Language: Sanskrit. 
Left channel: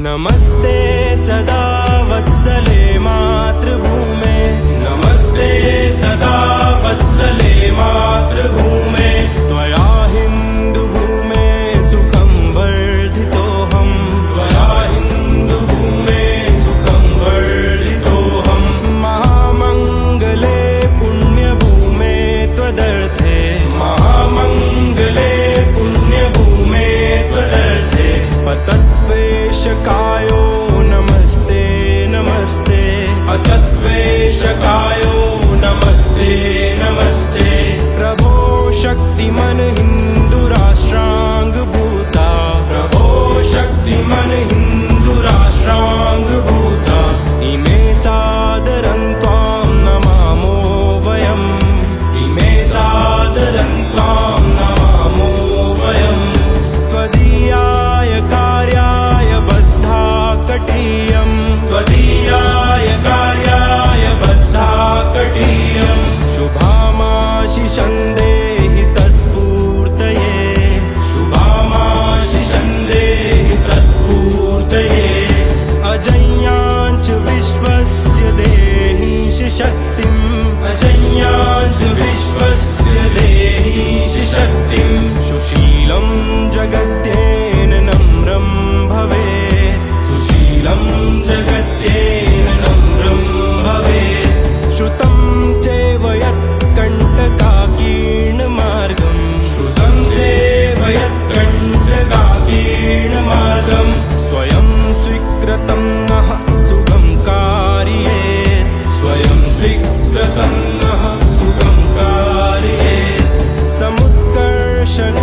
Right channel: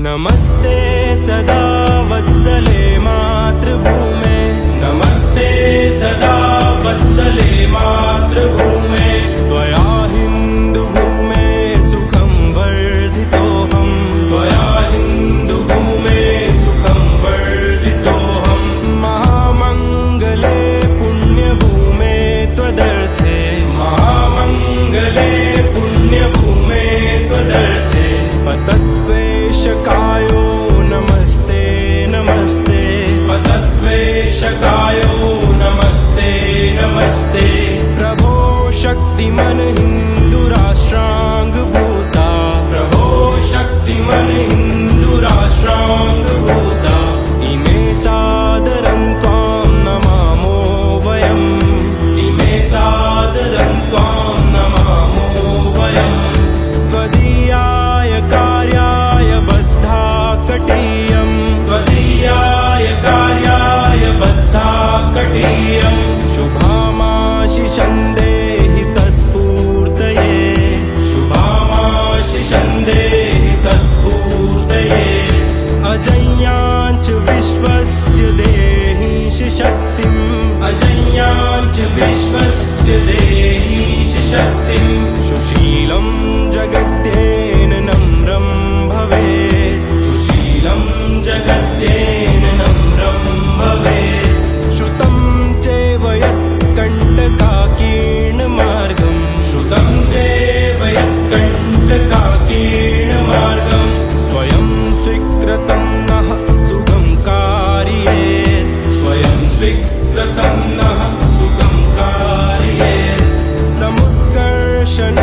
नमस्ते सदा वत्सले मातृभूमे, नमस्ते सदा वत्सले मातृभूमे। त्वया हिन्दुभूमे सुखं वर्धितोऽहम्, त्वया हिन्दुभूमे सुखं वर्धितोऽहम्। महामङ्गले पुण्यभूमे त्वदर्थे, महामङ्गले पुण्यभूमे त्वदर्थे। पतद्वेषकायो नमस्ते नमस्ते, पतद्वेषकायो नमस्ते नमस्ते। प्रभो शक्तिमन हिन्दुराष्ट्राङ्गभूता, प्रभो शक्तिमन हिन्दुराष्ट्राङ्गभूता। इमे सादरं त्वां नमामो वयम्, इमे सादरं त्वां नमामो वयम्। त्वदीयाय कार्याय बद्धा कटीयम्, त्वदीयाय कार्याय बद्धा कटीयम्। शुभामाशिषं देहि तत्पूर्तये, शुभामाशिषं देहि तत्पूर्तये। अजय्याञ्च विश्वस्य देहीश शक्तिम्, अजय्याञ्च विश्वस्य देहीश शक्तिम्। सुशीलं जगद्येन नम्रं भवेत्, सुशीलं जगद्येन नम्रं भवेत्। श्रुतं चैव यत्कण्टकाकीर्णमार्गम्, श्रुतं चैव यत्कण्टकाकीर्णमार्गम्। स्वयं स्वीकृतं नः सुगं कारयेत्, स्वयं स्वीकृतं नः सुगं कारयेत्। समुत्कर्षन्